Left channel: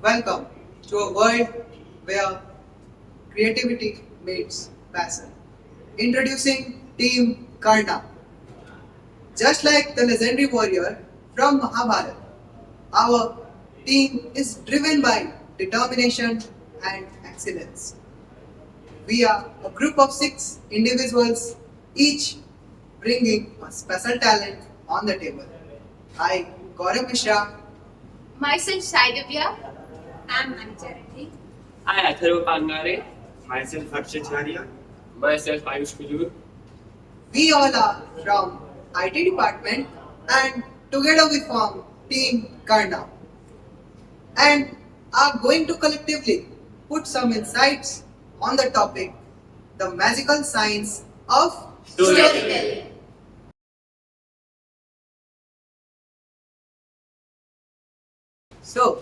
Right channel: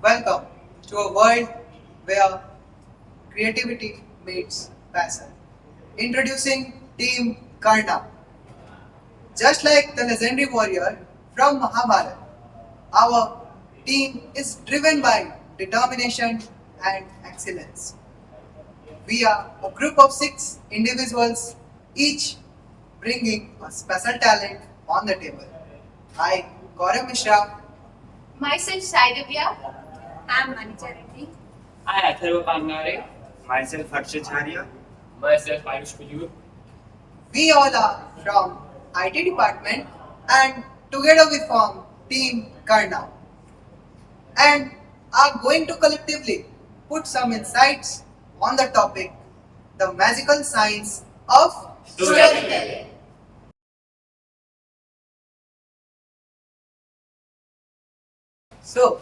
Welcome to a world where creativity meets passion. Introducing Team Karna. Just like the legendary warrior from Mahabharata, our team is driven by determination and excellence. We are a group of six individuals, each bringing a special talent on the table. I, GOURAV Mishra, Myself, DIVYA. I'm MANIJA. I ATHARV PANAGARE. Myself, HARSHIT. Myself, AYUSH KUJUR. we all are from IT department and together we form Team Karna and are going to collectively put some insights on the topic the magical science of Storytelling. So,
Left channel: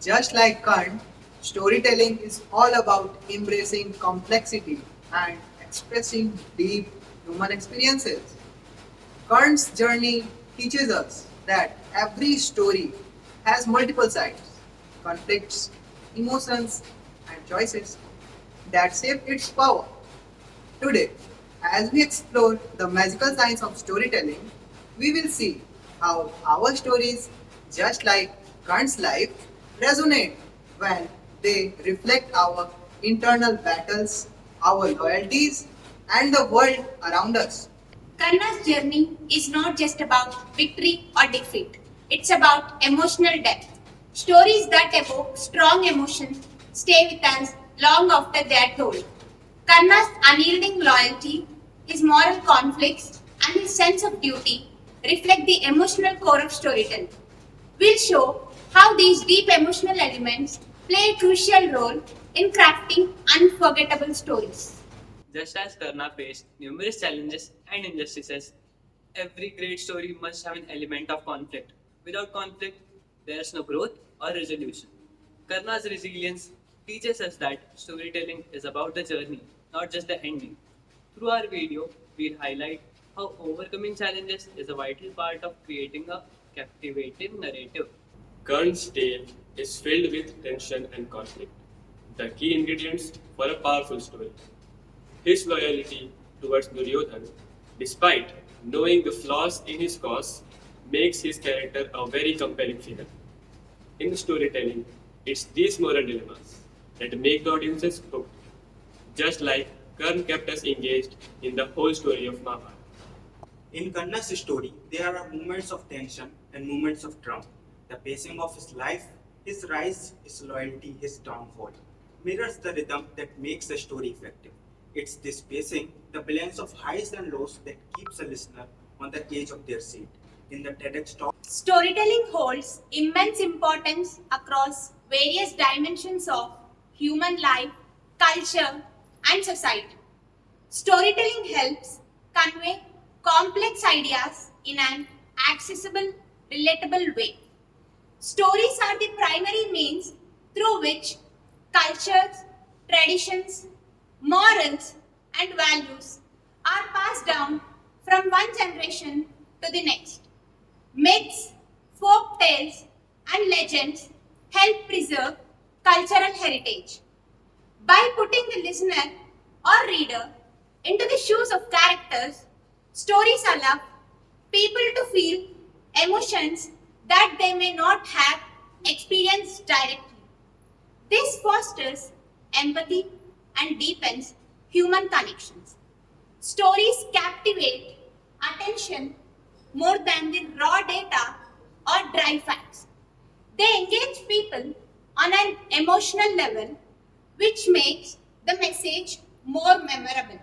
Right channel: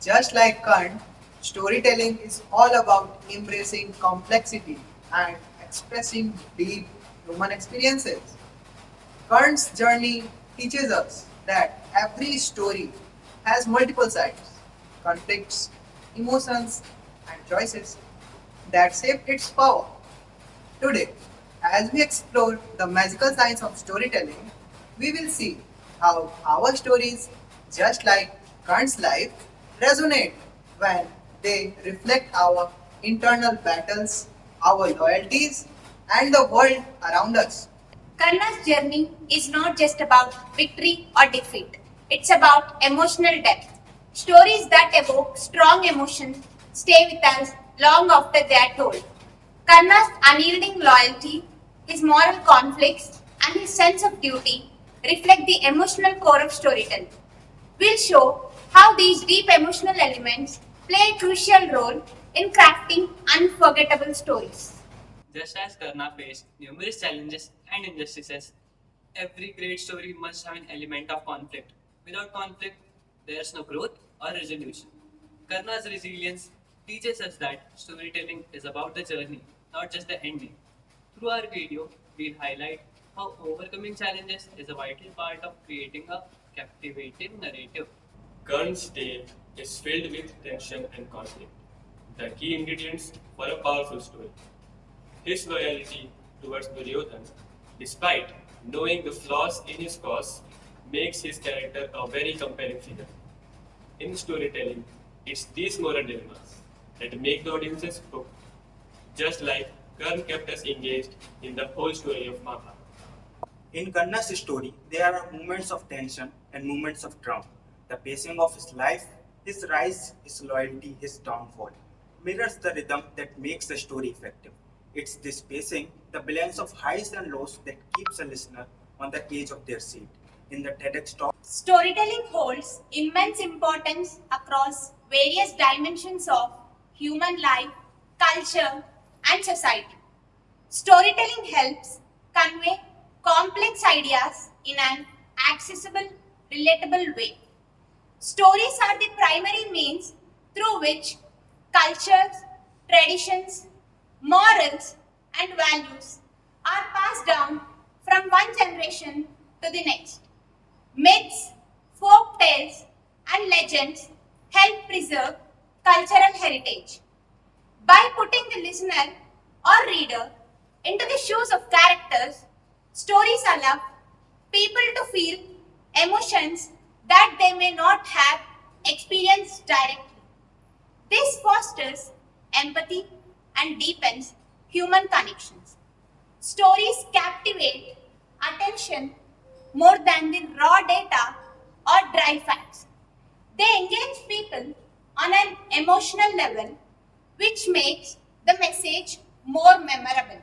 just like Kant, storytelling is all about embracing complexity and expressing deep human experiences. Kant's journey teaches us that every story has multiple sides, conflicts, emotions, and choices that shape its power. Today, as we explore the magical science of storytelling, we will see how our stories, just like Kant's life, resonate when they reflect our internal battles, our loyalties, and the world around us. Karna's journey is not just about victory or defeat. It's about emotional depth. Stories that evoke strong emotions stay with us long after they are told. Karna's unyielding loyalty, his moral conflicts, and his sense of duty reflect the emotional core of storytelling. We'll show how these deep emotional elements play a crucial role in crafting unforgettable stories. Just as Karna faced numerous challenges and injustices, every great story must have an element of conflict. Without conflict, there is no growth or resolution. Karna's resilience teaches us that storytelling is about the journey, not just the ending. Through our video, we'll highlight how overcoming challenges is a vital part of creating a captivating narrative. Karn's tale is filled with tension and conflict, the key ingredients for a powerful story. His loyalty towards Duryodhana, despite knowing the flaws in his cause, makes his character a very compelling figure. In storytelling, it's these moral dilemmas that make the audiences hooked, just like Karn kept us engaged in the whole story of Mahabharata. In Karna's story, there are moments of tension and moments of triumph. The pacing of his life, his rise, his loyalty, his downfall, mirrors the rhythm that makes the story effective. It's this pacing, the balance of highs and lows, that keeps a listener on the edge of their seat. In the TEDx talk, Storytelling holds immense importance across various dimensions of human life, culture, and society. Storytelling helps convey complex ideas in an accessible, relatable way. Stories are the primary means through which cultures, traditions, morals, and values are passed down from one generation to the next. Myths, folk tales, and legends help preserve cultural heritage. By putting the listener or reader into the shoes of characters, stories allow people to feel emotions that they may not have experienced directly. This fosters empathy and deepens human connections. Stories captivate attention more than the raw data or dry facts. They engage people on an emotional level, which makes the message more memorable.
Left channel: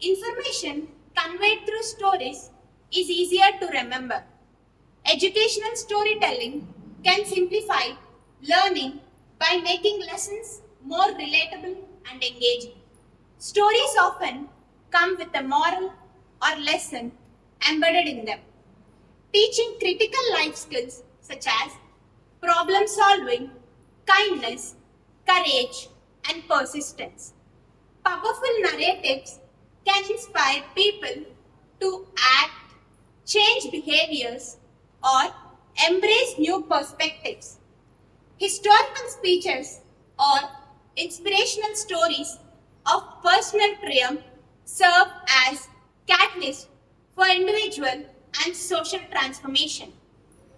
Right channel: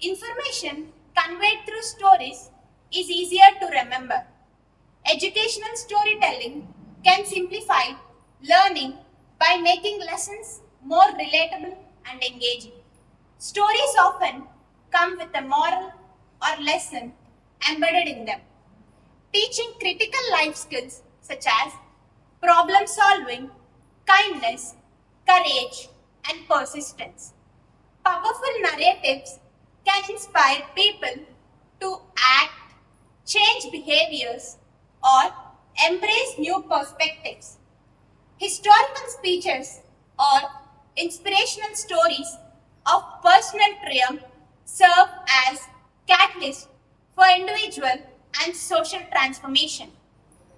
Information conveyed through stories is easier to remember. Educational storytelling can simplify learning by making lessons more relatable and engaging. Stories often come with a moral or lesson embedded in them, teaching critical life skills such as problem solving, kindness, courage, and persistence. Powerful narratives can inspire people to act, change behaviors, or embrace new perspectives. Historical speeches or inspirational stories of personal triumph serve as catalysts for individual and social transformation.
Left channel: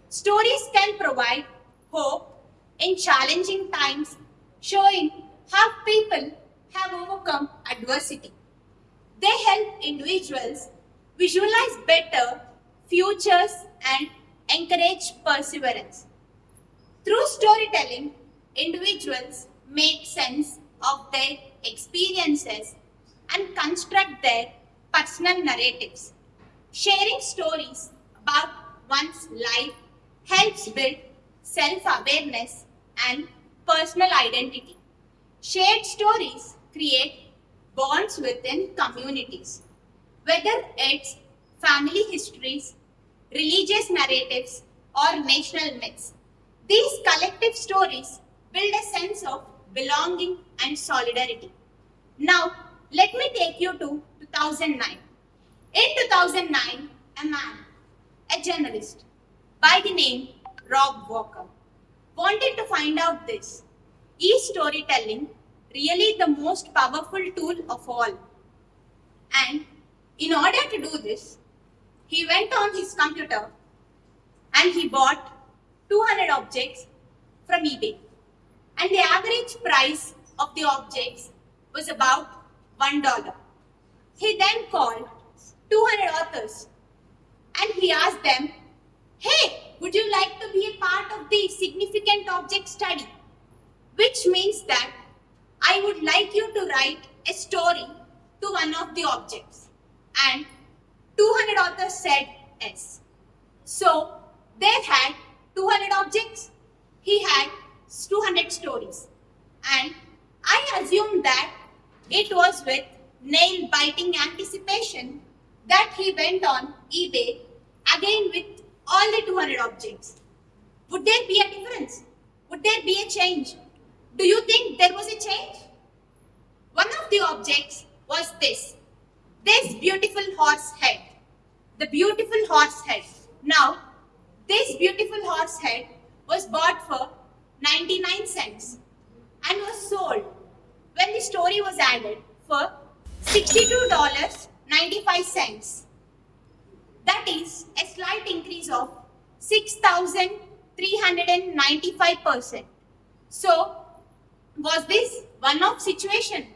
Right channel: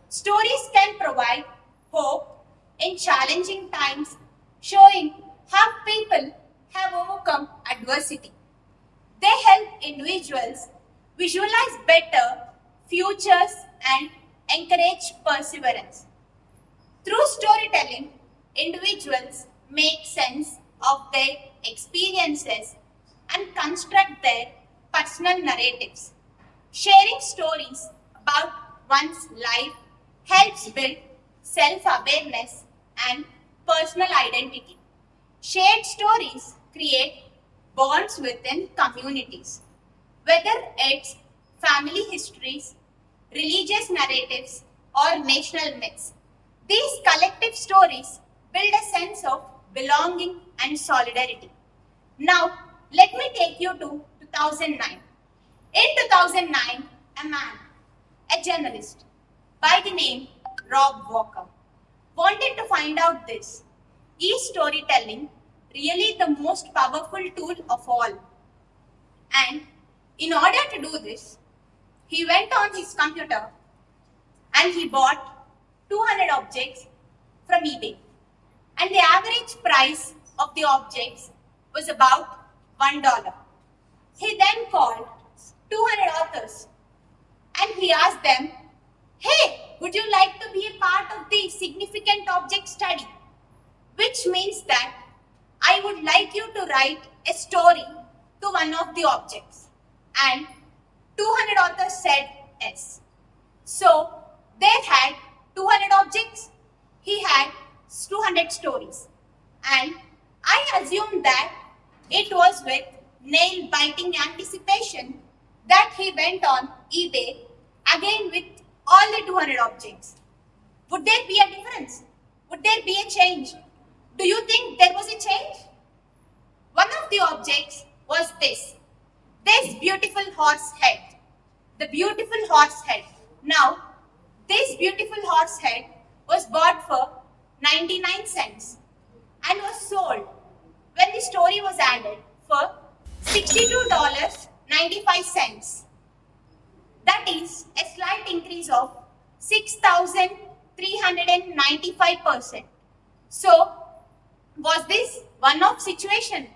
Stories can provide hope in challenging times, showing how people have overcome adversity. They help individuals visualize better futures and encourage perseverance. Through storytelling, individuals make sense of their experiences and construct their personal narratives. Sharing stories about one's life helps build self awareness and personal identity. Shared stories create bonds within communities, whether it's family histories, religious narratives, or national myths. These collective stories build a sense of belonging and solidarity. Now, let me take you to 2009. In 2009, a man, a journalist by the name Rob Walker, wanted to find out this. Is storytelling really the most powerful tool of all? And in order to do this, he went on his computer and he bought 200 objects from eBay. And the average price of the objects was about $1. He then called 200 authors and he asked them, hey, would you like to be a part of the significant object study? Which means that I would like you to write a story to one of the objects. And 200 authors said yes. So they had 200 objects, he had 200 stories. And I assume that it was with nail-biting anticipation that he went on eBay again with all the 200 objects. Would there be a difference? Would there be a change? Do you think there was a change? One of the objects was this beautiful horse head. The beautiful horse head. Now, this beautiful horse head was bought for 99 cents and was sold when the story was added for $62.95. That is a slight increase of 6,395%. So, was this one-off situation?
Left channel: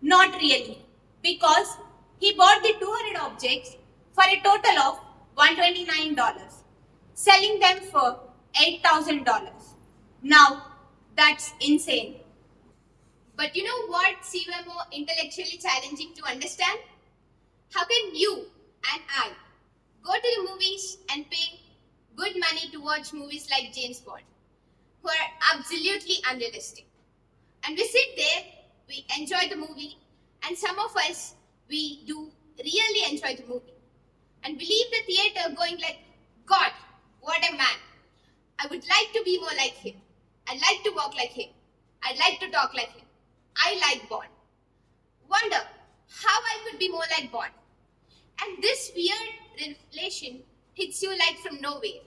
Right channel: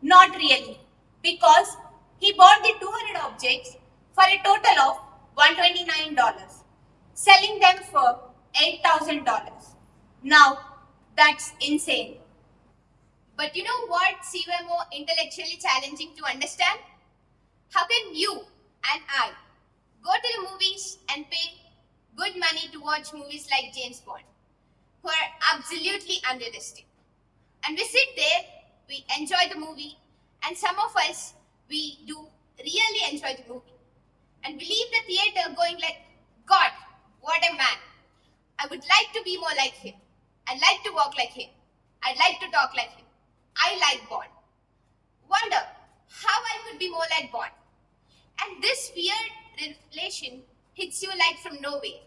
Not really, because he bought the 200 objects for a total of $129, selling them for $8,000. Now, that's insane. But you know what seems more intellectually challenging to understand? How can you and I go to the movies and pay good money to watch movies like James Bond, who are absolutely unrealistic? And we sit there, we enjoy the movie, and some of us, we do really enjoy the movie. And we leave the theater going like, God, what a man. I would like to be more like him. I'd like to walk like him. I'd like to talk like him. I like Bond. Wonder how I could be more like Bond. And this weird relation hits you like from nowhere.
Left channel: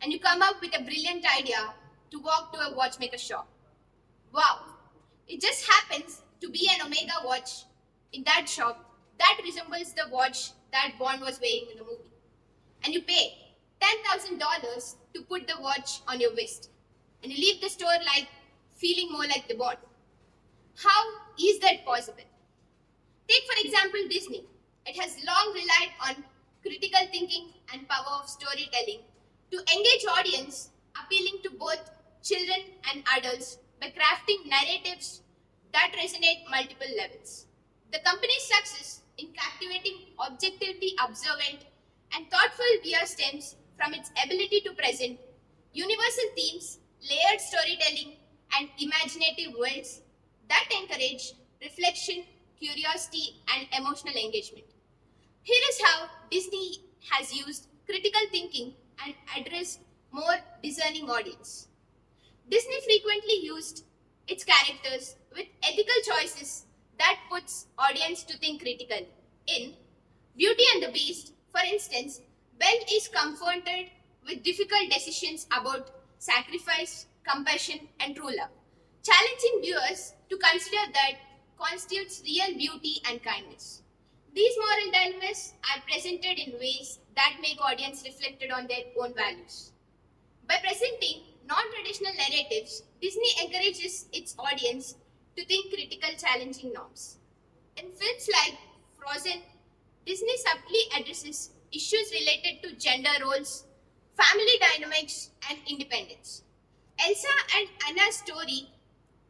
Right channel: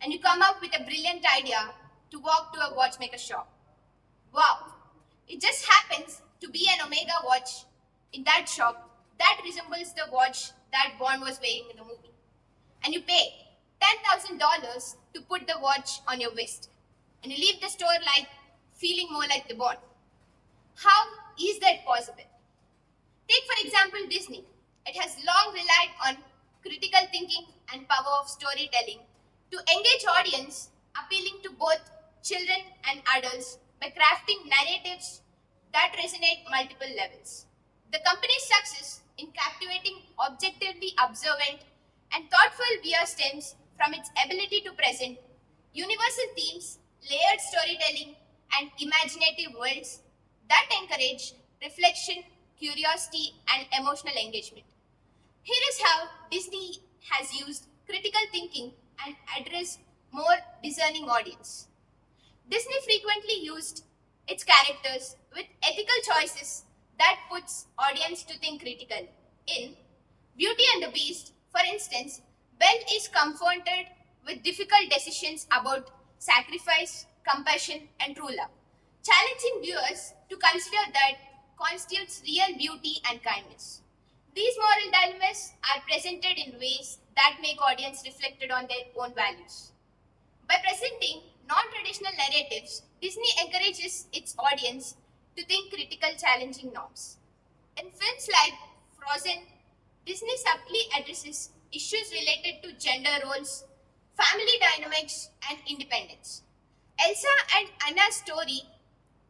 And you come up with a brilliant idea to walk to a watchmaker shop. Wow, it just happens to be an Omega watch in that shop that resembles the watch that Bond was wearing in the movie. And you pay $10,000 to put the watch on your wrist. And you leave the store like feeling more like the Bond. How is that possible? Take for example Disney. It has long relied on critical thinking and power of storytelling to engage audience, appealing to both children and adults by crafting narratives that resonate multiple levels. The company's success in captivating objectively observant and thoughtful viewers stems from its ability to present universal themes, layered storytelling, and imaginative worlds that encourage reflection, curiosity, and emotional engagement. Here is how Disney has used critical thinking and addressed more discerning audience. Disney frequently used its characters with ethical choices that puts audience to think critically. In Beauty and the Beast, for instance, Belle is confronted with difficult decisions about sacrifice, compassion, and true love, challenging viewers to consider that constitutes real beauty and kindness. These moral dilemmas are presented in ways that make audience reflected on their own values. By presenting non-traditional narratives, Disney encourages its audience to think critical, challenging norms. In films like Frozen, Disney subtly addresses issues related to gender roles, family dynamics, and independence. Elsa and Anna's story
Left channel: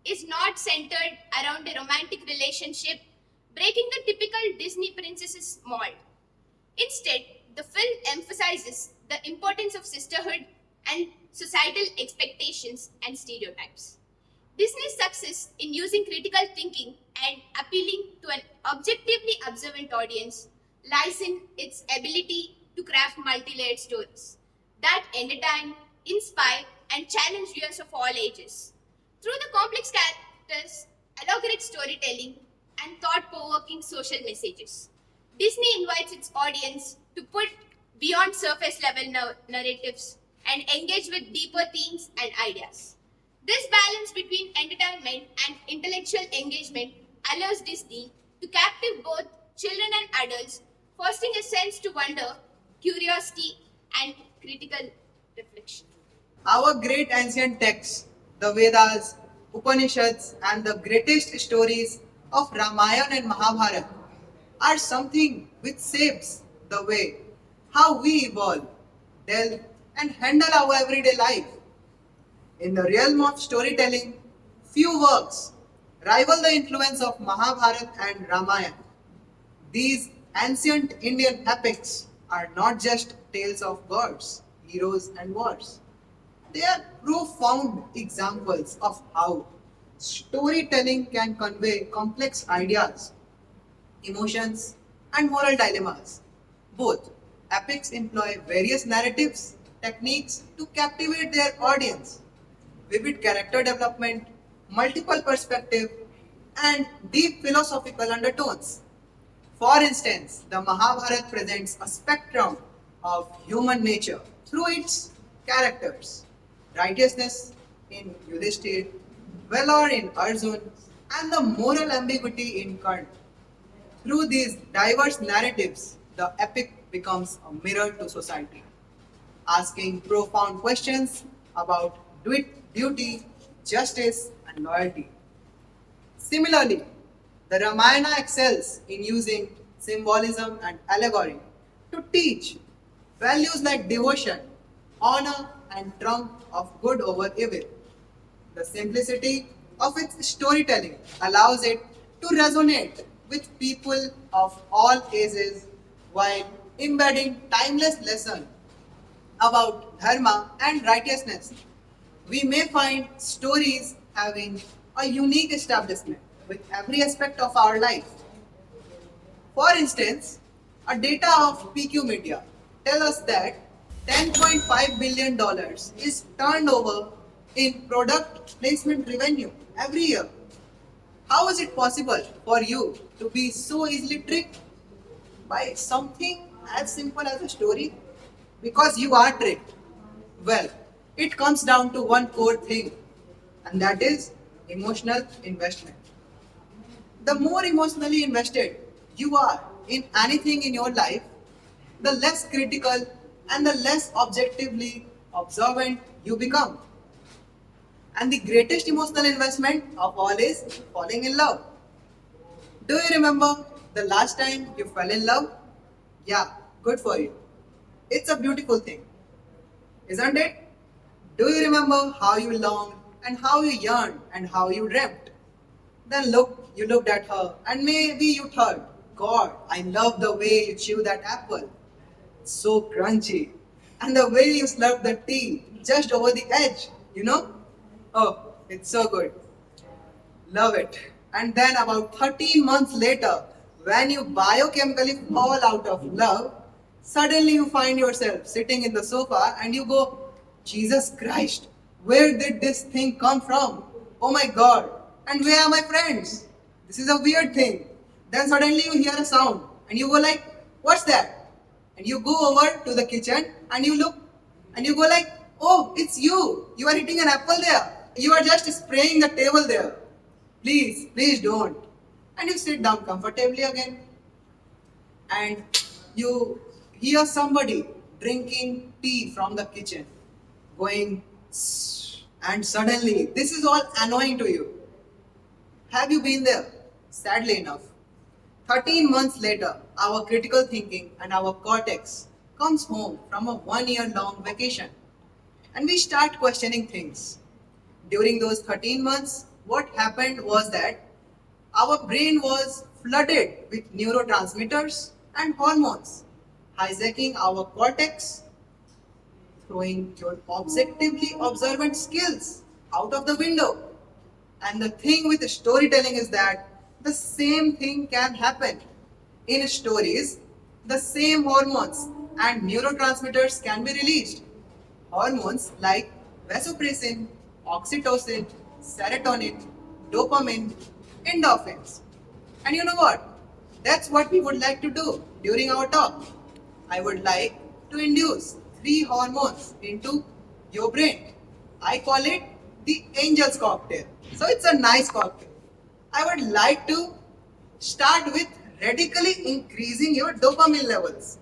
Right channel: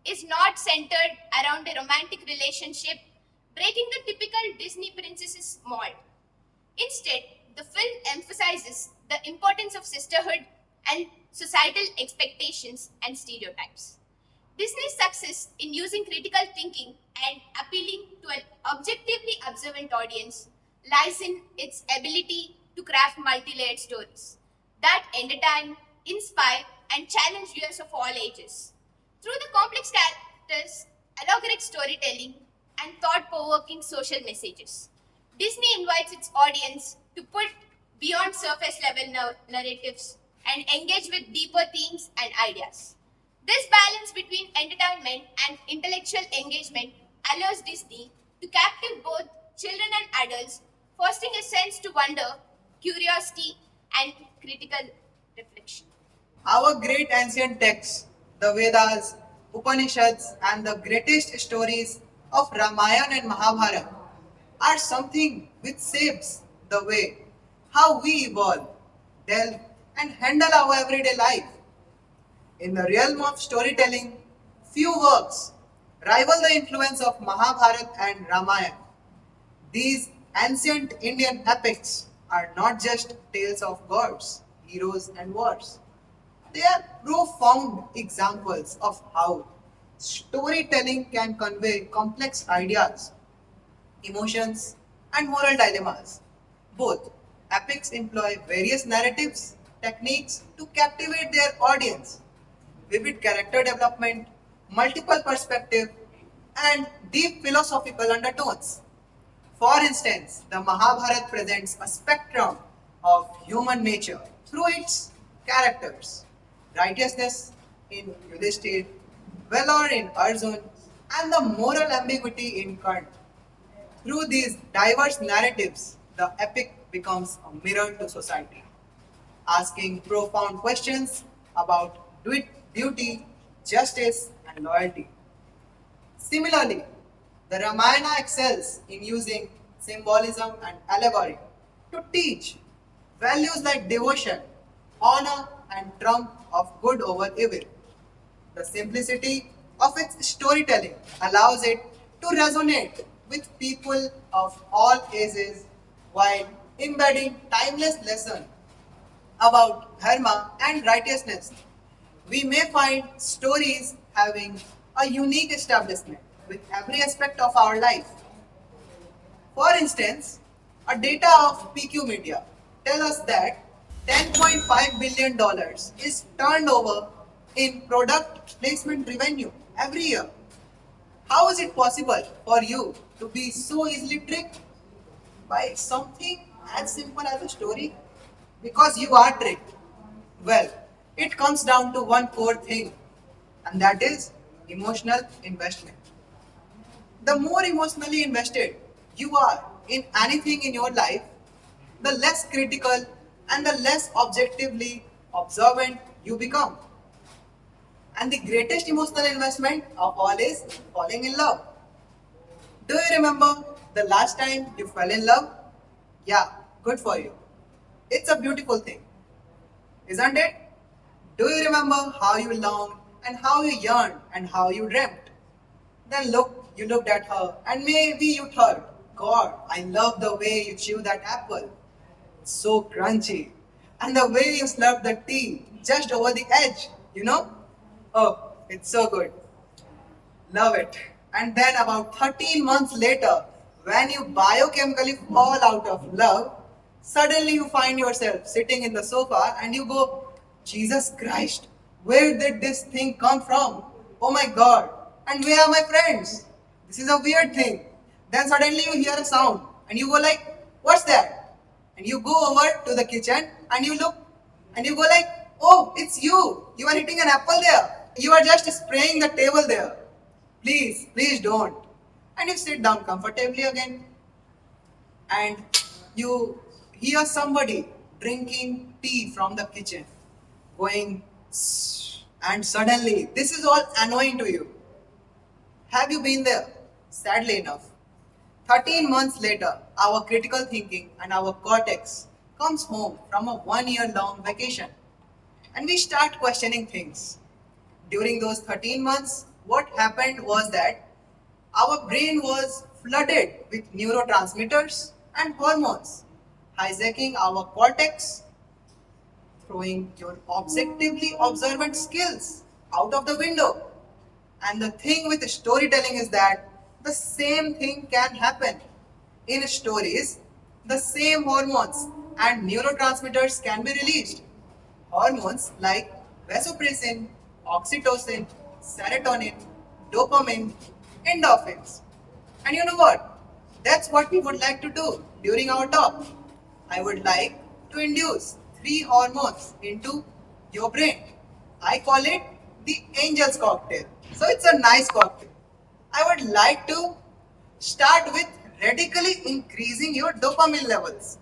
is not centered around a romantic relationship, breaking the typical Disney princess's mold. Instead, the film emphasizes the importance of sisterhood and societal expectations and stereotypes. Disney's success in using critical thinking and appealing to an objectively observant audience lies in its ability to craft multi-layered stories that entertain, inspire, and challenge viewers of all ages. Through the complex characters, allegoric storytelling, and thought-provoking social messages, Disney invites its audience to put beyond surface-level narratives and engage with deeper themes and ideas. This balance between entertainment and intellectual engagement allows Disney to captivate both children and adults, fostering a sense to wonder, curiosity, and critical reflection. Our great ancient texts, the Vedas, Upanishads, and the greatest stories of Ramayana and Mahabharata are something which shapes the way how we evolve, delve, and handle our everyday life. In the realm of storytelling, few works rival the influence of Mahabharata and Ramayana. These ancient Indian epics are not just tales of gods, heroes, and wars. They are profound examples of how storytelling can convey complex ideas, emotions, and moral dilemmas. Both epics employ various narratives, techniques to captivate their audience. Vivid character development, multiple perspective, and deep philosophical undertones. For instance, the Mahabharata presents a spectrum of human nature through its characters. Righteousness in Yudhishthir, valor in Arjun, and the moral ambiguity in Karna. Through these diverse narratives, the epic becomes a mirror to society, asking profound questions about duty, justice, and loyalty. Similarly, the Ramayana excels in using symbolism and allegory to teach values like devotion, honor, and trump of good over evil. The simplicity of its storytelling allows it to resonate with people of all ages while embedding timeless lessons about dharma and righteousness. We may find stories having a unique establishment with every aspect of our life. For instance, a data of PQ Media tell us that $10.5 billion dollars is turned over in product placement revenue every year. How is it possible for you to be so easily tricked by something as simple as a story? Because you are tricked. Well, it comes down to one core thing, and that is emotional investment. The more emotionally invested you are in anything in your life, the less critical and the less objectively observant you become. And the greatest emotional investment of all is falling in love. Do you remember the last time you fell in love? Yeah, good for you. It's a beautiful thing, isn't it? Do you remember how you longed and how you yearned and how you dreamt? Then you looked at her and maybe you thought, God, I love the way you chew that apple. It's so crunchy. And the way you slurp the tea just over the edge, you know? Oh, it's so good. Love it. And then about 13 months later, when you biochemically fall out of love, suddenly you find yourself sitting in the sofa and you go, Jesus Christ, where did this thing come from? Oh my God. And where are my friends? This is a weird thing. Then suddenly you hear a sound and you go like, what's that? And you go over to the kitchen and you look and you go like, Oh, it's you. You are hitting an apple there. You are just spraying the table there. Please, please don't. And you sit down comfortably again. And you hear somebody drinking tea from the kitchen, going, "Sss," and suddenly this is all annoying to you. Have you been there? Sadly enough, 13 months later, our critical thinking and our cortex comes home from a 1 year long vacation and we start questioning things. During those 13 months, what happened was that our brain was flooded with neurotransmitters and hormones, hijacking our cortex, throwing your objectively observant skills out of the window. And the thing with storytelling is that the same thing can happen. In stories, the same hormones and neurotransmitters can be released. Hormones like vasopressin, oxytocin, serotonin, dopamine, endorphins. And you know what? That's what we would like to do during our talk. I would like to induce three hormones into your brain. I call it the angel's cocktail. So it's a nice cocktail. I would like to start with radically increasing your dopamine levels.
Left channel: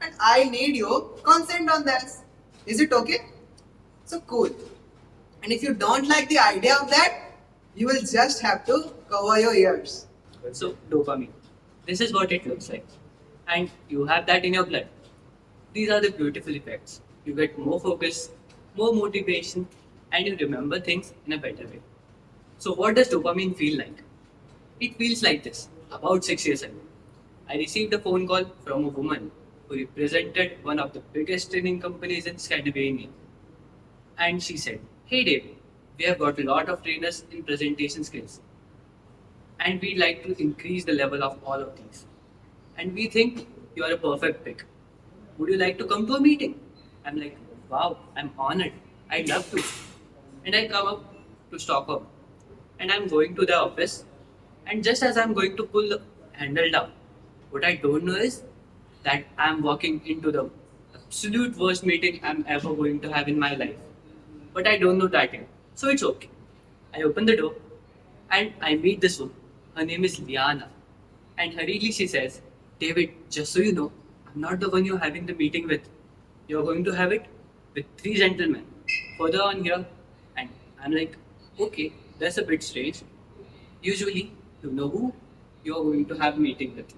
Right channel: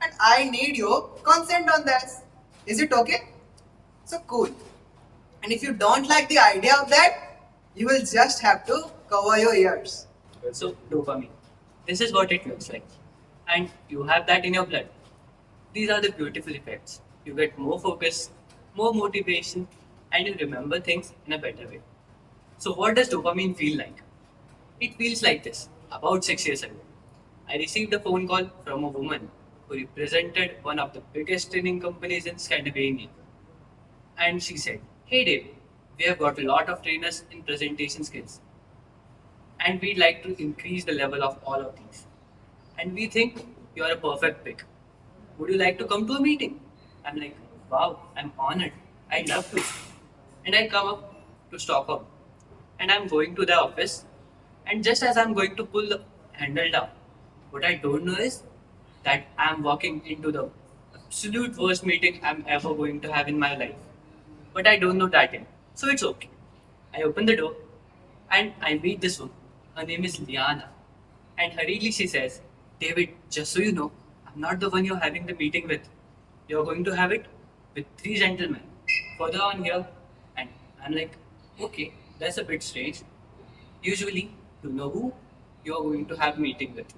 And I need your consent on this. Is it okay? So cool. And if you don't like the idea of that, you will just have to cover your ears. So, dopamine. This is what it looks like. And you have that in your blood. These are the beautiful effects. You get more focus, more motivation, and you remember things in a better way. So, what does dopamine feel like? It feels like this. About 6 years ago, I received a phone call from a woman who represented one of the biggest training companies in Scandinavia. And she said, "Hey Dave, we have got a lot of trainers in presentation skills and we'd like to increase the level of all of these. And we think you are a perfect pick. Would you like to come to a meeting?" I'm like, "Wow, I'm honored. I'd love to." And I come up to Stockholm and I'm going to the office. And just as I'm going to pull the handle down, what I don't know is that I'm walking into the absolute worst meeting I'm ever going to have in my life. But I don't know that yet. So it's okay. I open the door and I meet this woman. Her name is Liana. And hurriedly she says, "David, just so you know, I'm not the one you're having the meeting with. You're going to have it with three gentlemen further on here." And I'm like, "Okay, that's a bit strange. Usually, you know who you're going to have meeting with."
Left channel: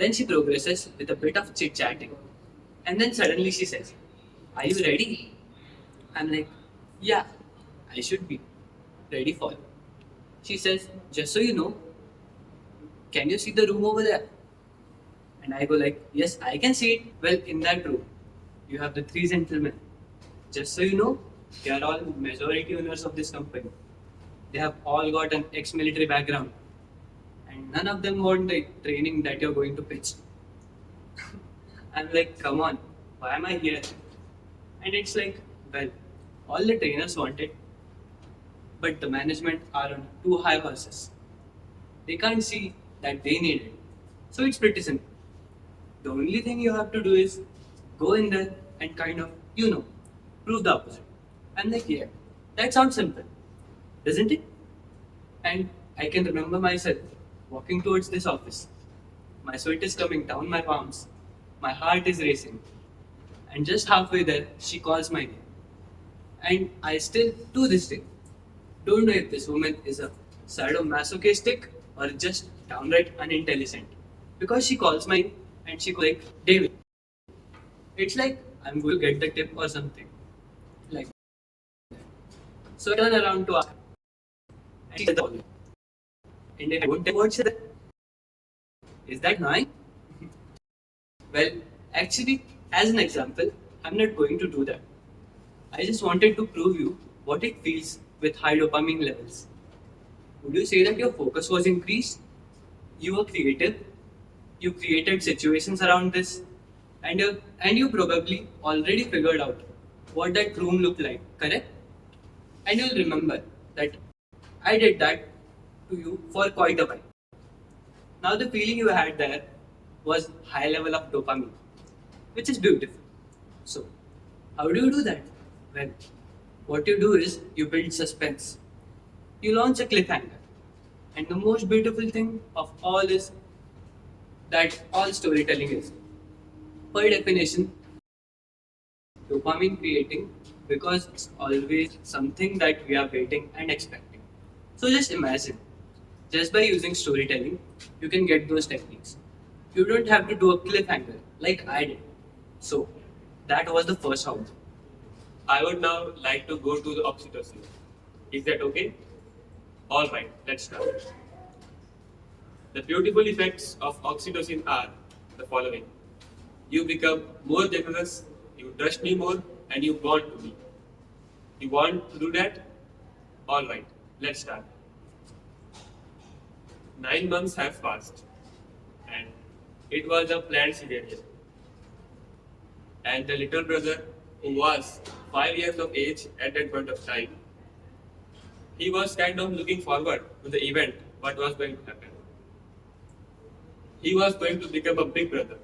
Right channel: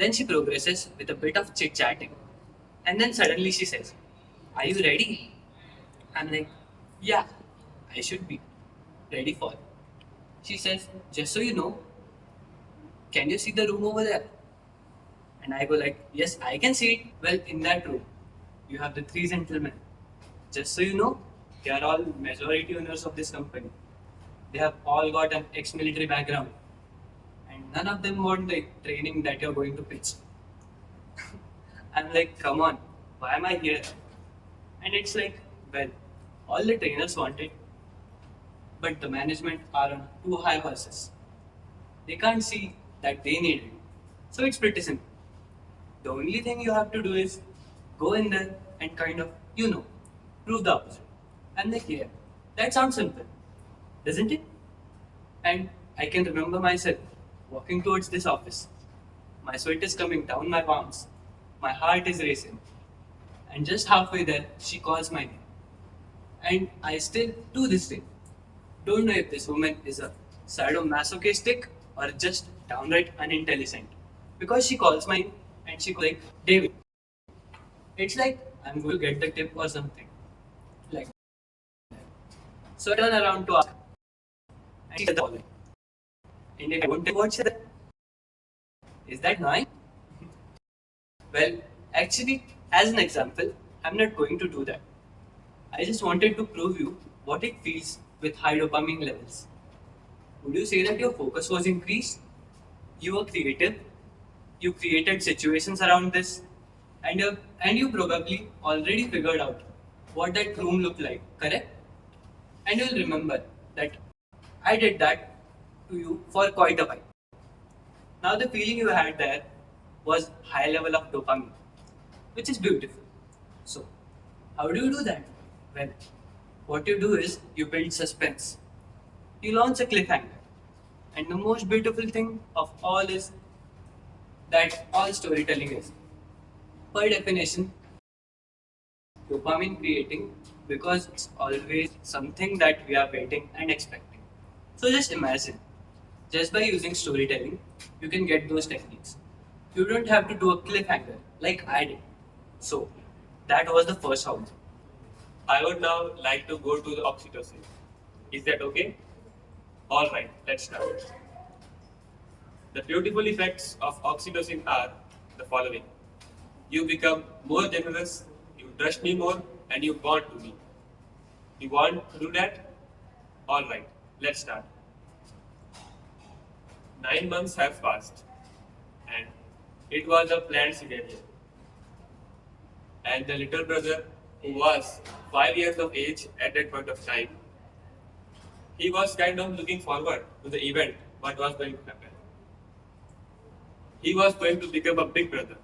Then she progresses with a bit of chit chatting. And then suddenly she says, "Are you ready?" I'm like, "Yeah, I should be ready for it." She says, "Just so you know, can you see the room over there?" And I go like, "Yes, I can see it." "Well, in that room, you have the three gentlemen. Just so you know, they are all majority owners of this company. They have all got an ex-military background. And none of them want the training that you're going to pitch." I'm like, "Come on, why am I here?" And it's like, well, all the trainers want it, but the management are on too high horses. They can't see that they need it. So it's pretty simple. The only thing you have to do is go in there and kind of, prove the opposite. I'm like, yeah, that sounds simple, doesn't it? And I can remember myself walking towards this office. My sweat is coming down my palms. My heart is racing. And just halfway there, she calls my name. And I still, to this day, don't know if this woman is a sadomasochistic or just downright unintelligent. Because she calls my name and she goes like, "David." It's like I'm going to get the tip or something. Like that. So I turn around to ask her. And she says the following. And if I don't tell what she said, is that annoying? Well, actually, as an example, I'm not going to do that. I just wanted to prove you what it feels with high dopamine levels. Would you say that your focus was increased? You were creative. You created situations around this, and you probably already figured out what that room looked like, correct? And you'll remember that I did that to you for quite a while. Now the feeling you had there was high level of dopamine, which is beautiful. So, how do you do that? Well, what you do is you build suspense. You launch a cliffhanger. And the most beautiful thing of all is that all storytelling is, by definition, dopamine creating because it's always something that we are waiting and expecting. So just imagine, just by using storytelling, you can get those techniques. You don't have to do a cliffhanger like I did. So that was the first house. I would now like to go to the oxytocin. Is that okay? Alright, let's start. The beautiful effects of oxytocin are the following. You become more generous, you trust me more, and you bond to me. You want to do that? Alright, let's start. 9 months have passed, and it was a planned scenario. And the little brother, who was 5 years of age at that point of time, he was kind of looking forward to the event, what was going to happen. He was going to become a big brother.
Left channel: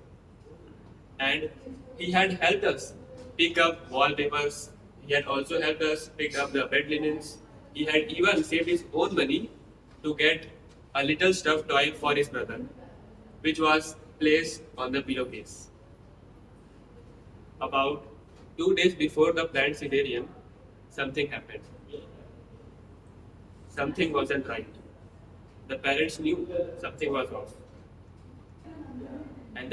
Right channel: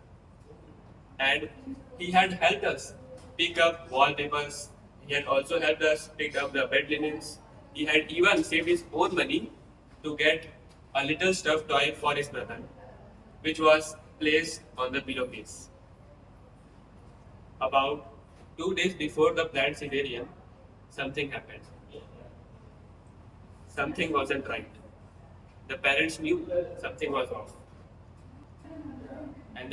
And he had helped us pick up wallpapers. He had also helped us pick up the bed linens. He had even saved his own money to get a little stuffed toy for his brother, which was placed on the pillowcase. About 2 days before the planned scenario, something happened. Something wasn't right. The parents knew something was off. And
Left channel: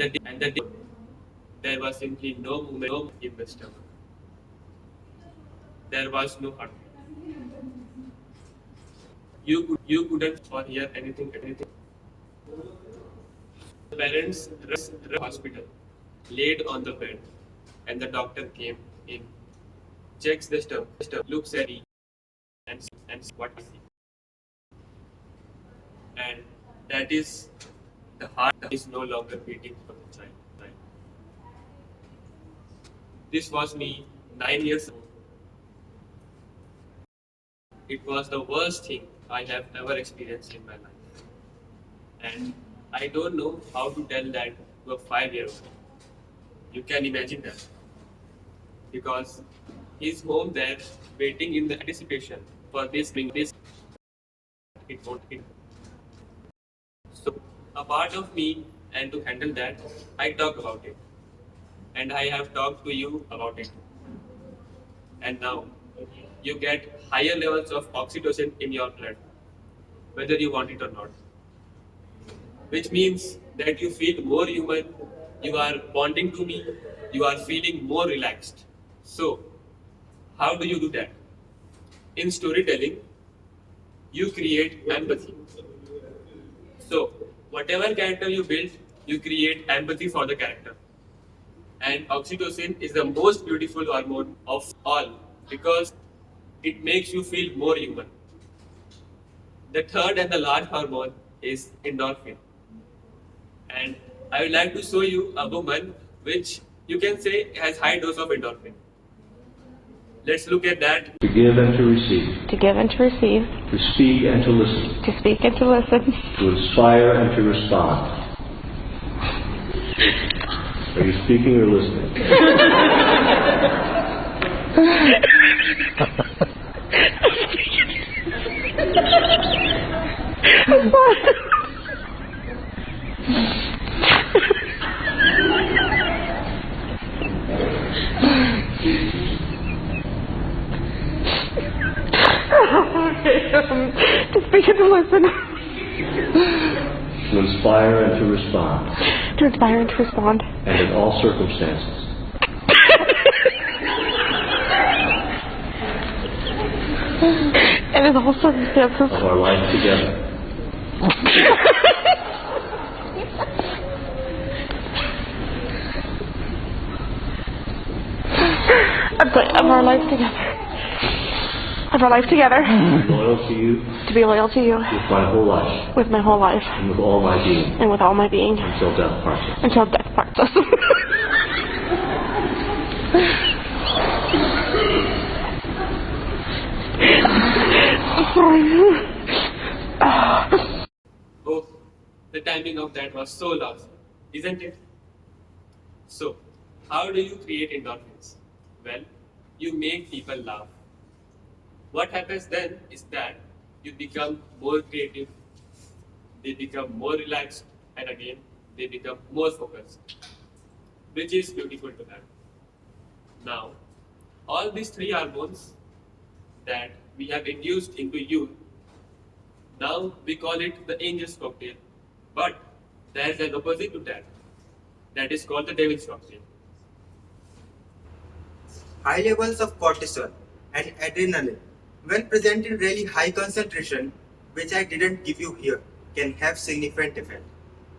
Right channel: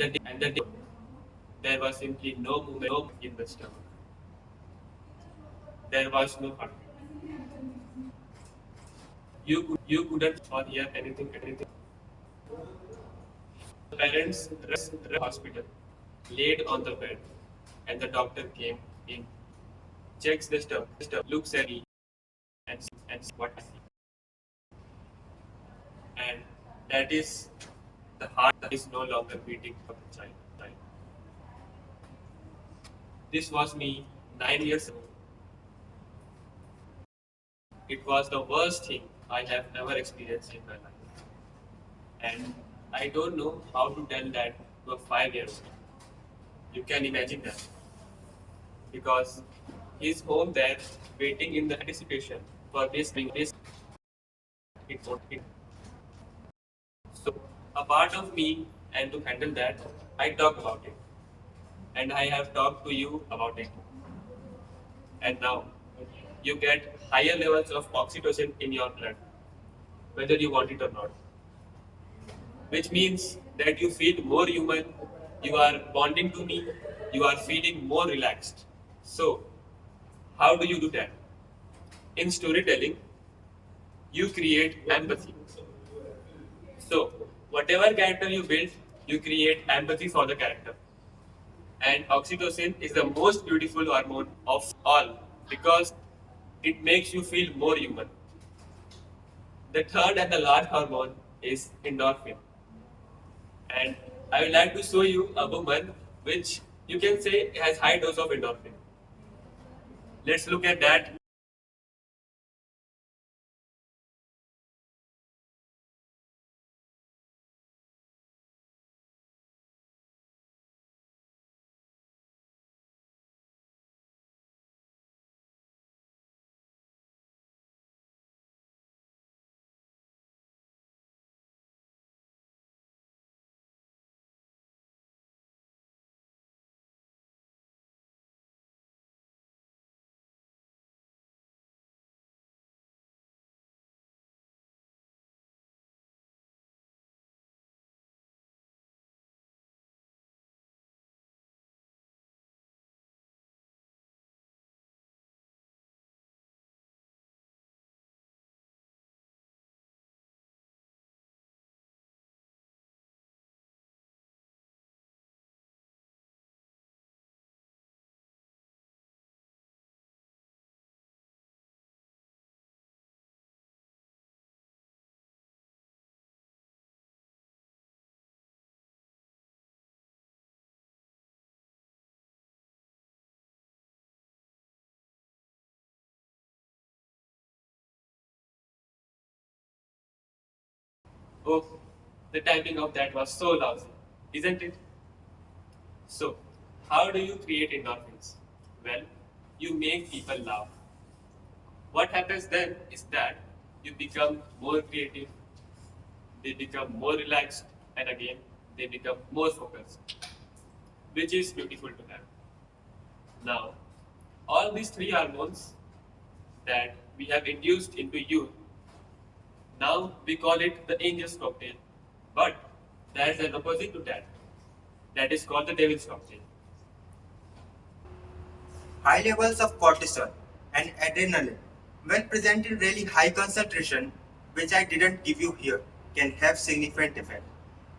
there was simply no movement in the stomach. There was no heartbeat. You couldn't or hear anything. The parents rushed to the hospital, laid on the bed, and the doctor came in, checks the stomach, looks at me, and what I see. And that is the heart is no longer beating for the child. This was me 9 years ago. It was the worst thing I have ever experienced in my life. And I don't know how to tell that to a 5-year-old. You can imagine that. Because he's home there waiting in the anticipation for this being this. It won't hit. So a part of me, and to handle that, I talk about it. And I have talked to you about it. And now you get higher levels of oxytocin in your blood, whether you want it or not. Which means that you feel more human, you are bonding to me, you are feeling more relaxed. So, how do you do that? In storytelling, you create empathy. So, whatever character you build, you create empathy for the character. And oxytocin is the most beautiful hormone of all because it makes you feel more human. The third and the last hormone is endorphin. And I would like to show you a woman which you can say has high dose of endorphin. Let's look at that. To give and to receive. To give and to receive. To speak and to listen. To speak and to listen. To inspire and to respond. Are you speaking or listening? To speak and to listen. To inspire and to respond. To inspire and to respond. And in all circumstances. And in all circumstances. Of our life together. Of our life together. Of our life together. To be loyal to you. To be loyal to you. With my whole life. With my whole life. And with all my being. And with all my being. Until death parts us. Until death parts us. Oh, the timing of that was so lousy, isn't it? So, how do you create endorphins? Well, you make people laugh. What happens then is that you become more creative, they become more relaxed, and again, they become more focused, which is beautiful to have. Now, all these three hormones that we have induced into you, now we call it the angel's cocktail. But there is an opposite to that. That is called the devil's cocktail. High levels of cortisol and adrenaline, when present in really high concentration, which I didn't give you here, can have significant effect.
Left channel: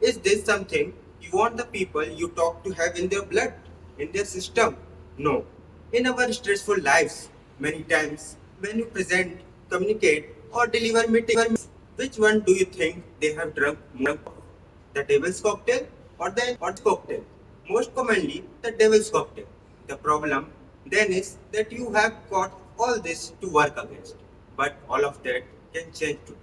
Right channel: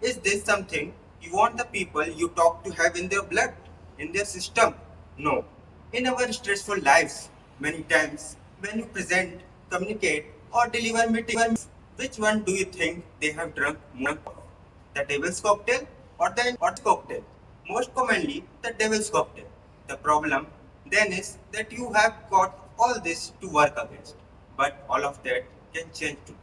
Is this something you want the people you talk to have in their blood, in their system? No. In our stressful lives, many times when you present, communicate, or deliver meetings, which one do you think they have drunk more of? The devil's cocktail or the cocktail? Most commonly, the devil's cocktail. The problem then is that you have got all this to work against. But all of that can change today.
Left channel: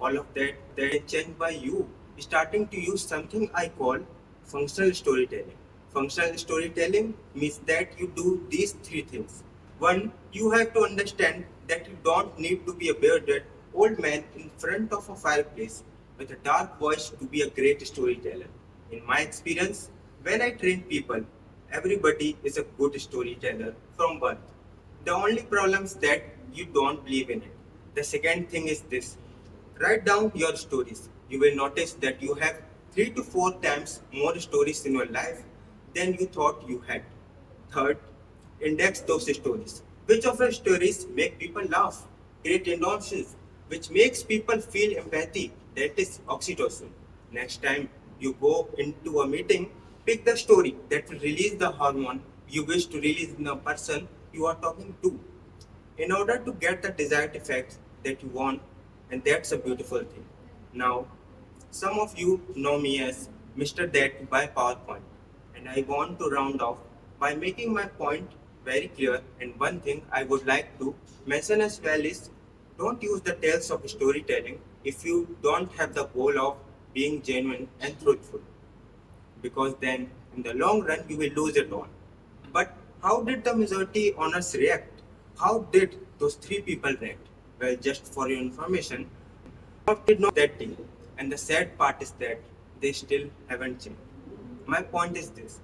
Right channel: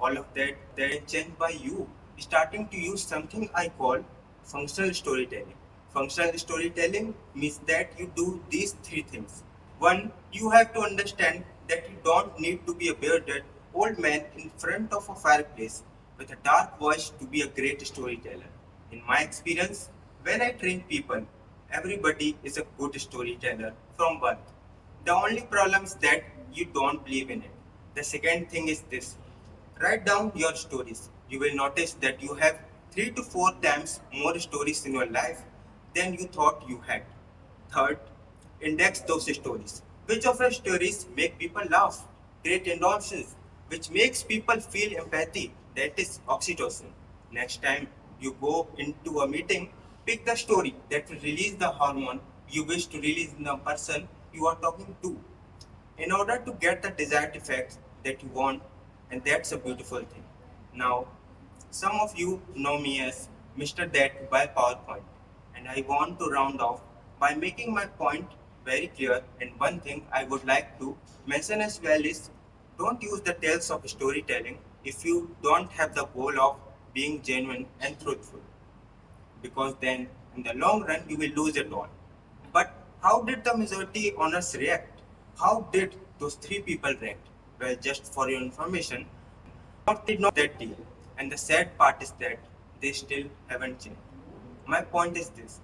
All of that can change by you starting to use something I call functional storytelling. Functional storytelling means that you do these three things. One, you have to understand that you don't need to be a bearded old man in front of a fireplace with a dark voice to be a great storyteller. In my experience, when I train people, everybody is a good storyteller from birth. The only problem is that you don't believe in it. The second thing is this: write down your stories. You will notice that you have 3 to 4 times more stories in your life than you thought you had. Third, index those stories. Which of your stories make people laugh, create endorphins, which makes people feel empathy, that is oxytocin. Next time you go into a meeting, pick the story that will release the hormone you wish to release in the person you are talking to in order to get the desired effects that you want, and that's a beautiful thing. Now, some of you know me as Mr. That by PowerPoint, and I want to round off by making my point very clear. And one thing I would like to mention as well is don't use the tales of storytelling if you don't have the goal of being genuine and truthful, because then in the long run you will lose it all. But how did the majority honors react? How did those three people react? Well, just for your information, did not that deal. And the sad part is that they still haven't changed. My point is this:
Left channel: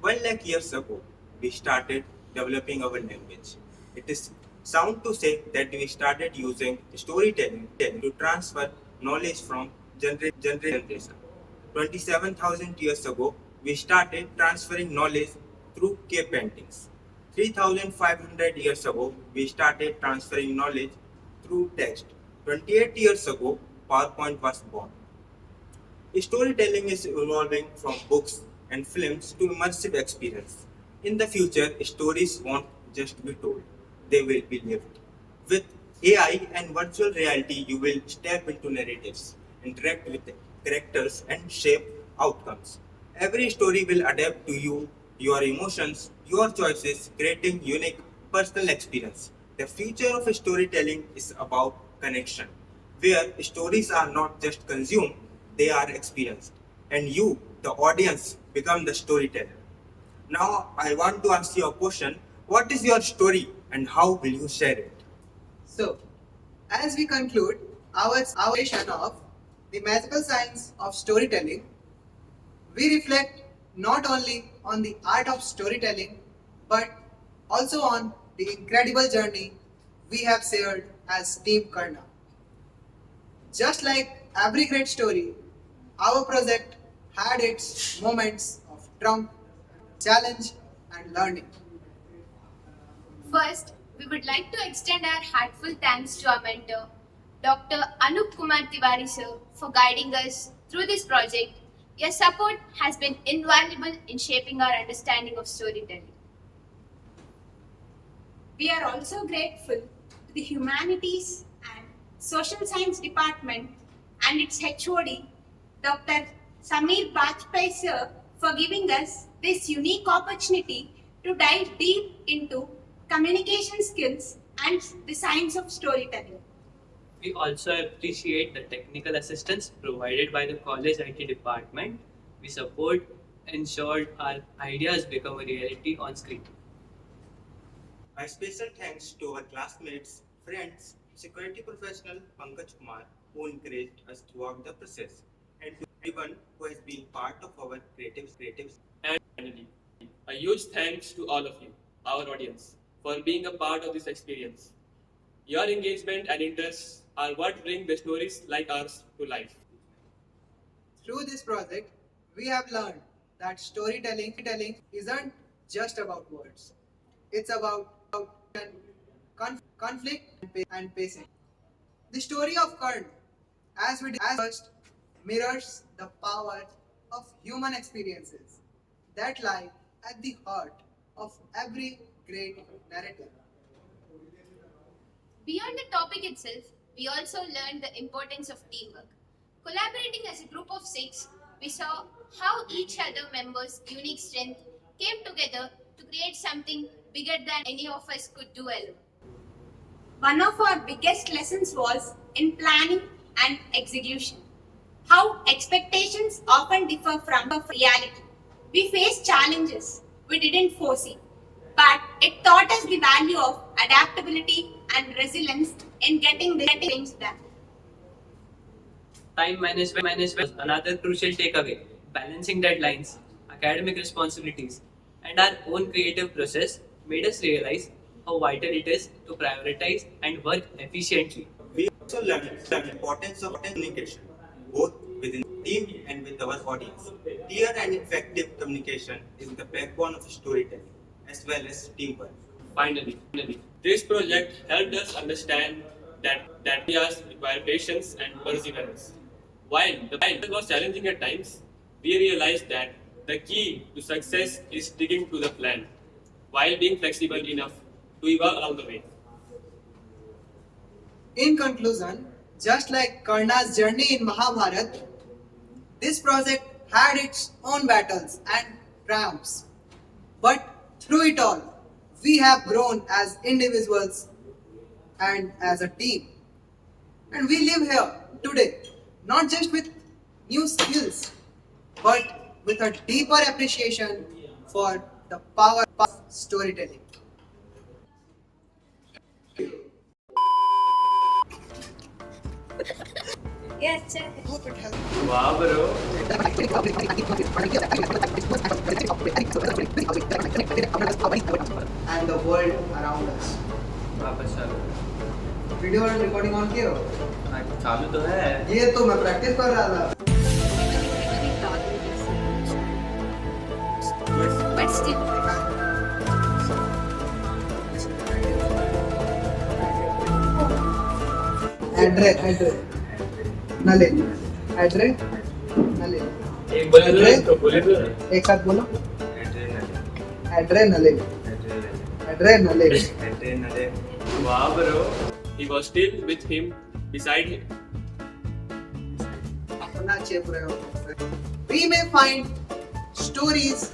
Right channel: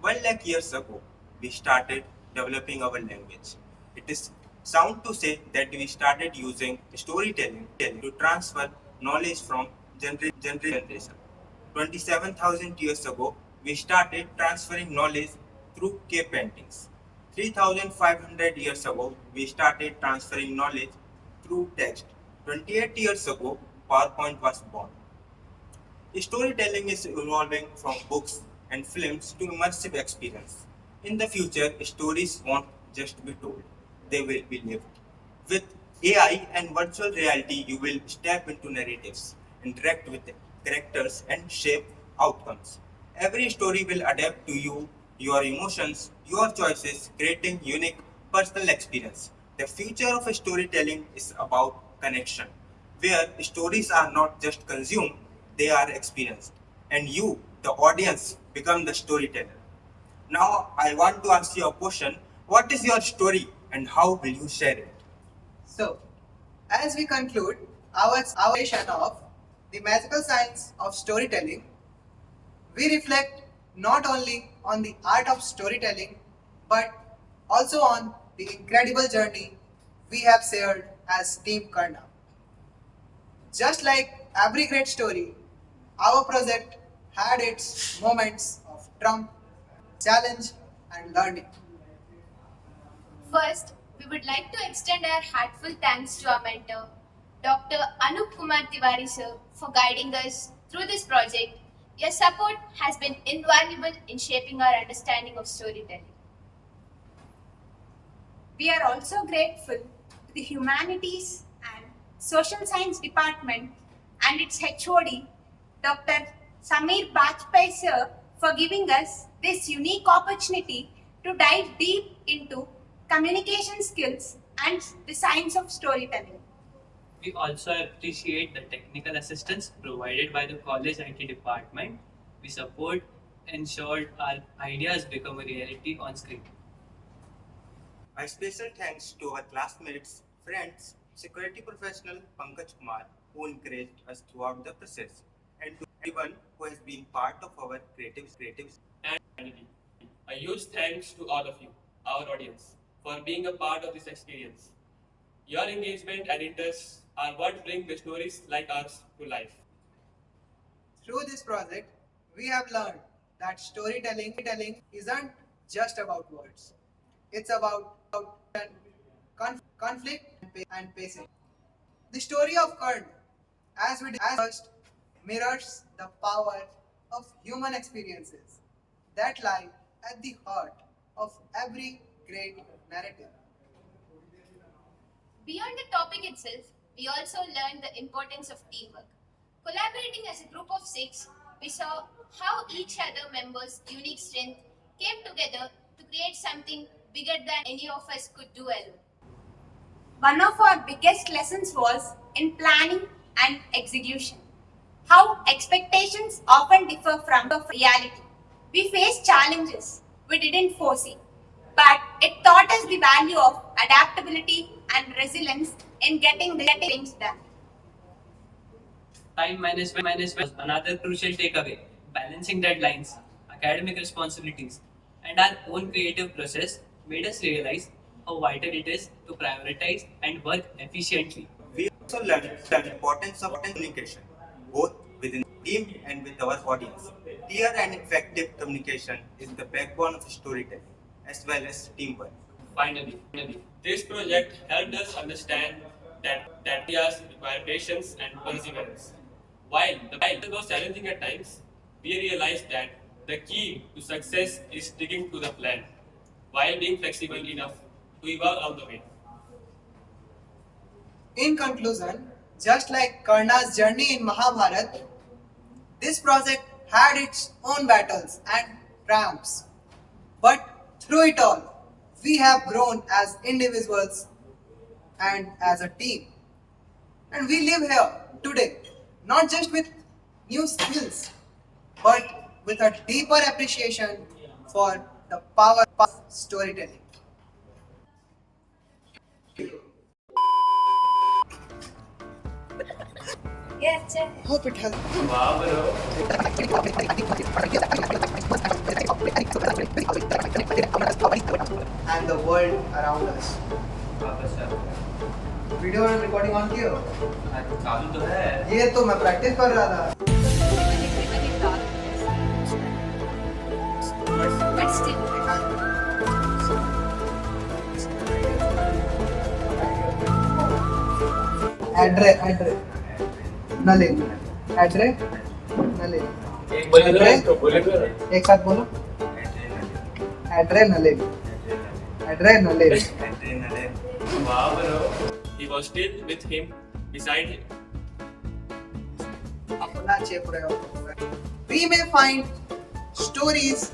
1 lakh years ago, we started developing our language. It is sound to say that we started using storytelling to transfer knowledge from generation. 27,000 years ago, we started transferring knowledge through cave paintings. 3,500 years ago, we started transferring knowledge through text. 28 years ago, PowerPoint was born. Storytelling is evolving from books and films to immersive experience. In the future, stories won't just be told, they will be lived. With AI and virtual reality, you will step into narratives, interact with characters, and shape outcomes. Every story will adapt to you, your emotions, your choices, creating unique personal experience. The future of storytelling is about connection, where stories are not just consumed, they are experienced. And you, the audience, become the storyteller. Now, I want to ask you a question. What is your story and how will you share it? So, as we conclude our session of the magical science of storytelling, we reflect not only on the art of storytelling but also on the incredible journey we have shared as Team Karna. Just like every great story, our project had its moments of trump, challenge, and learning. First, we would like to extend our heartfelt thanks to our mentor, Dr. Anoop Kumar Tiwari Sir, for guiding us through this project. Your support has been invaluable in shaping our understanding of storytelling. We are also grateful to the Humanities and Social Science Department and its HOD, Dr. Samir Bajpai Sir, for giving us this unique opportunity to dive deep into communication skills and the science of storytelling. We also appreciate the technical assistance provided by the college IT department. We support ensured our ideas become a reality on screen. A special thanks to our classmates, friends, security professional Pankaj Kumar, who encouraged us throughout the process, and to everyone who has been part of our creative. And Humanity. A huge thanks to all of you, our audience, for being a part of this experience. Your engagement and interests are what bring the stories like ours to life. Through this project, we have learned that storytelling isn't just about words. It's about conflict and pacing. The story of Karna, as we discussed, mirrors the power of human experiences that lie at the heart of every great narrative. Beyond the topic itself, we also learned the importance of teamwork. Collaborating as a group of 6, we saw how each other members' unique strength came together to create something bigger than any of us could do alone. One of our biggest lessons was in planning and execution. How expectations often differ from reality. We faced challenges we didn't foresee, but it taught us the value of adaptability and resilience in getting things done. Time management was another crucial takeaway. Balancing deadlines, academic responsibilities, and our own creative process made us realize how vital it is to prioritize and work efficiently. We also learned the importance of communication, both within the team and with our audience. Clear and effective communication is the backbone of storytelling, as well as teamwork. Finally, this project helped us understand that ideas require patience and perseverance. While the path was challenging at times, we realized that the key to success is sticking to the plan, while being flexible enough to evolve along the way. In conclusion, just like Karna's journey in Mahabharata, this project had its own battles and triumphs. But through it all, we have grown as individuals and as a team. And we live here today, not just with new skills, but with a deeper appreciation for the power of storytelling. Yes, sir. Hope it helped. Wow, bro. And the world around us. Video recording on किए हो? चालू तो है। ये तो मैं practice कर रहा था। But still, एड्रे नले एड्रे नले एक बोले तो इसको बोले तो एक साथ बोलो एड्रे नले एड्रे नले wow, bro. He was still with him, beside him. अपना चेप रहे हो। We may find stories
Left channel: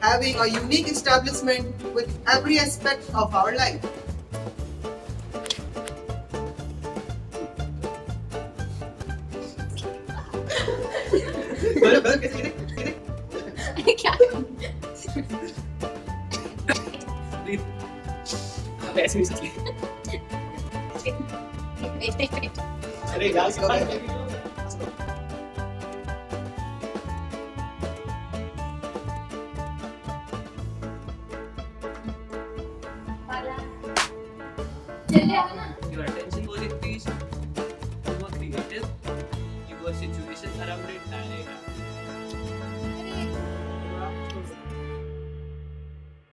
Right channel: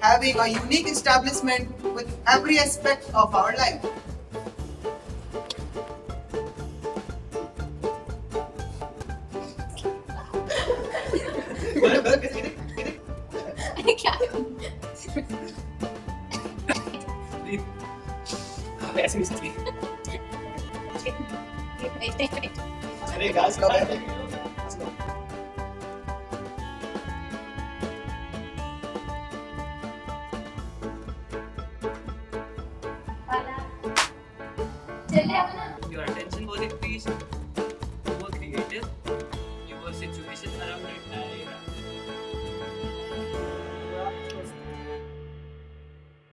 having a unique establishment with every aspect of our life. क्या? ऐसे भी अरे गाइस कब है?